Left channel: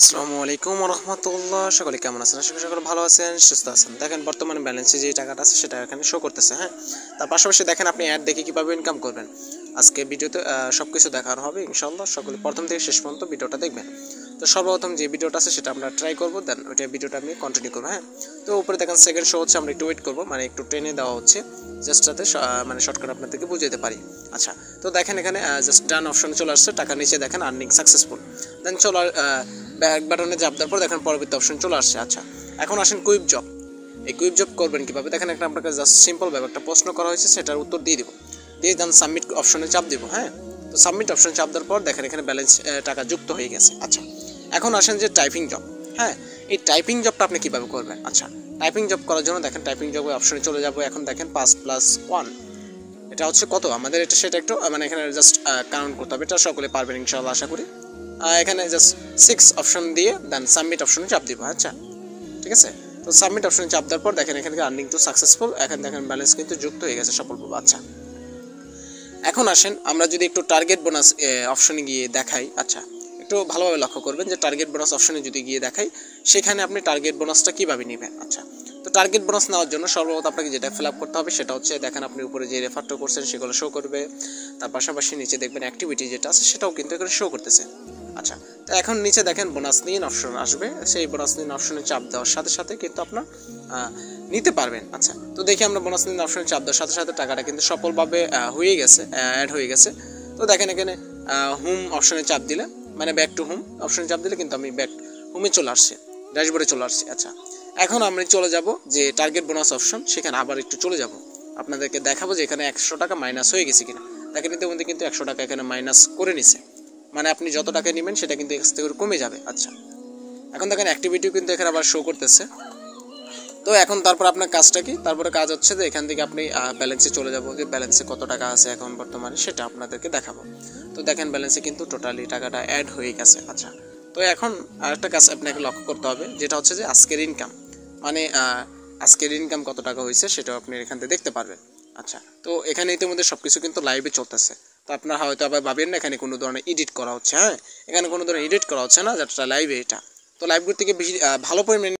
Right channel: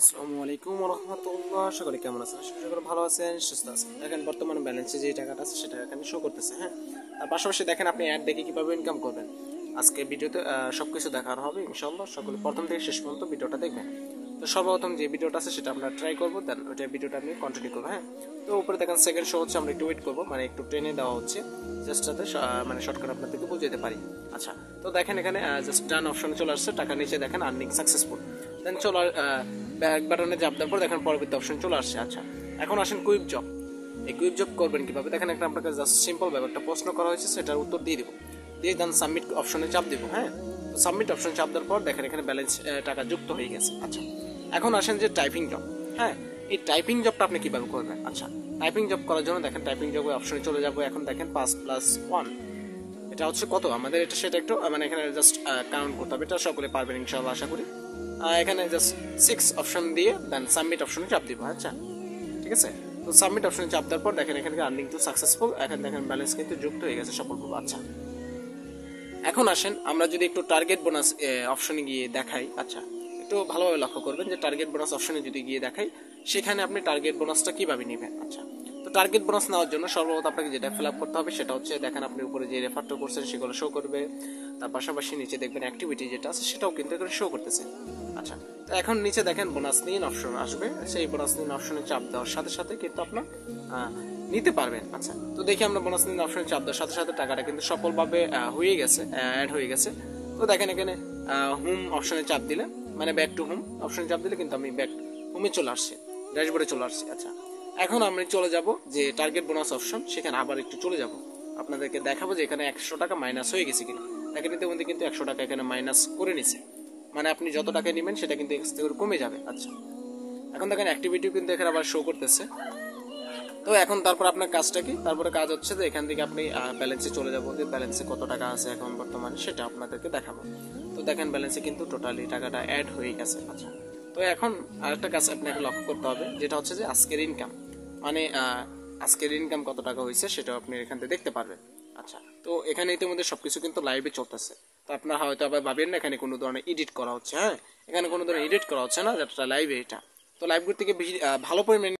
আসসালামু আলাইকুম রহমতুল্লাহ। সকলে কেমন আছেন? আশা করি সকলে ভালো আছেন, সুস্থ আছেন। দেখেন বর্তমানে ব্যালেন্সে যে টাকাটা আছে সেটা এখানে শো করতেছে। হ্যাঁ, তার পাশাপাশি দেখেন আপনি অ্যাড দেখে কীভাবে ইনকাম করবেন আজকে ভিডিওতে সব কিছু দেখার হবে ইনশাল্লাহ। সকলে প্রথম থেকে শেষ পর্যন্ত ভিডিওটা দেখবেন। তো সর্বপ্রথম যে ভিডিওটা আছে সেটা আমরা ট্রাই করবো, দেন ওইটা ভিডিওটা আমি কন্টিনিউ করবো। হ্যাঁ, তো উপরে দেখেন সেকেন্ড শো হচ্ছে, আমরা একটু ওয়েট করবো, মানে একটু ট্রেনে দেওয়া হচ্ছে জাস্ট যাতে মানে শর্টকাট আপনাদেরকে বুঝাতে পারি। আচ্ছা, তো দেখেন এখানে জাস্ট ডান অপশনে চলে আসছে, টাকা নিচে দেখেন আর্নিং সাকসেসফুল, দেন চলো ব্যাক বাটনে চাপ দেওয়ার পর দেখেন পরবর্তী অপশন চলে আসছে। আচ্ছা, এখন আসেন কুইক জব। এই কুইক জব করবেন কীভাবে দেখেন, একটা আপনাকে জাস্ট সিম্পল ভাবে একটা প্রশ্ন করা হয়েছে, সেটার উত্তর দিয়ে দেবো, দিয়ে দেন সাবমিট অপশনে চাপ দেবো। হ্যাঁ, তো সাবমিট অপশনে চাপ দেওয়ার পর দেখেন এখানে ব্যালেন্স টাকা যুক্ত হয়ে গেছে। আচ্ছা, এখন আসেন যে টাইপিং জব। হ্যাঁ, এই টাইপিং জবটা আপনি কীভাবে করবেন? আচ্ছা, টাইপিং জব করার জন্য দেখেন টাইপিং জবের অপশনে চলে যাবো। এখন দেখেন 5+1 এটা হচ্ছে কত আমাদের, এটা সেটা একটু মানে এখানে জাস্ট কাউন্ট করতে হবে। এটা সকলে পারবেন ইনশাআল্লাহ আশা করি। এখানে জাস্ট 6 অপশন দিয়ে দেন সাবমিট অপশনে চাপ দিব। আচ্ছা, ঠিক আছে, তো সাবমিট অপশনে চাপ দেওয়ার পর দেখেন এখানে আর্নিং টু সাকসেসফুল, এখন দেখেন ব্যালেন্স কিন্তু যুক্ত হয়ে গেছে সফলভাবে। আচ্ছা, এখন আসেন আমরা যদি একটু টার্গেট বোনাস অপশনে গিয়ে দেখাই। আচ্ছা, একটু ভালোভাবে লক্ষ্য করবেন যে টার্গেট বোনাস অপশনে যদি গিয়ে দেখাই, সেখানে আপনি টার্গেট বোনাসটা কীভাবে নেবেন। আচ্ছা, তো টার্গেট বোনাস নেওয়ার জন্য সর্বপ্রথম আপনাকে যেটা ফিল আপ করতে হবে সেটা হচ্ছে, দেখেন আপনি উপরে যে রেফারটা করছেন সেগুলো শো করবে, তার পাশাপাশি নিচে দেখবেন অ্যাক্টিভিটি যেটা আছে সেটাও কিন্তু এখানে শো করতেছে। আচ্ছা, তো এখন নিচে দেখেন বোনাস নিন অপশন আসবে, সেই বোনাস নিন অপশনে চাপ দেওয়ার সাথে সাথে কিন্তু আপনার নিতে পারবেন। আচ্ছা, তো দেখি আমরা বোনাস নিন অপশনে চাপ দেওয়ার সাথে সাথে টাকাটা কিন্তু সফলভাবে হয়ে গেছে, অ্যাড হয়ে গেছে। তো দেখেন এখানে হোম অপশনে চাপ দিলে, মানে ব্যাক টু হোম অপশনে চাপ দিলে কিন্তু আমি ব্যাক হোমে চলে আসছি, ড্যাশবোর্ডে চলে আসছি। আচ্ছা, এখন আমরা চলে যাব যে টার্গেট বোনাস অপশন, সেখানে আবার একটু চলে যাব, আপনাদেরকে দেখাবো যে এখানে 100 টাকা মাইনাস হয়ে গেছে কিনা। দেখেন এতে মধ্যে কিন্তু 100 টাকা এখানে মাইনাস করে নিছে, মানে আপনি যত টাকা নেবেন সেটা কিন্তু এক্স থেকে কমে যাবে। আচ্ছা, এখন দেখেন অ্যাক্টিভিটিও কিন্তু এখানে আবার শো করতেছে। তো এখন তারপর আপনার কাজটা কি, তারপরে কাজ হচ্ছে যে এখান থেকে আপনি ব্যালেন্সে চলে যাবো, যে ব্যালেন্সে কত টাকা আছে এখন বর্তমানে সেটা আপনাদেরকে দেখাবো। তো দেখেন ব্যালেন্সে কিন্তু টোটালি টাকাটা অ্যাড হয়ে গেছে। আচ্ছা, তো এখন আরেকটা কাজ আপনাকে লক্ষ্য করতে হবে, যেটা হচ্ছে যে আজকের ইনকাম, মানে আজকের ইনকাম কত টাকা হয়েছে সেটাও আপনি এখান থেকে দেখতে পারবেন। আচ্ছা, তো এখানে ইতিমধ্যে সব কিছু কিন্তু লাইভে চলতেছে। তো আপনারা হয়তো আবার ভাবেন না এখানে কোনো ধরনের এডিট করা হচ্ছে। হ্যাঁ, এখানে কোনো ধরনের এডিট করা হচ্ছে না, যেটা লাইভে এটা। তো লাইভগুলো থেকে বেশি ভালো পরিমাণে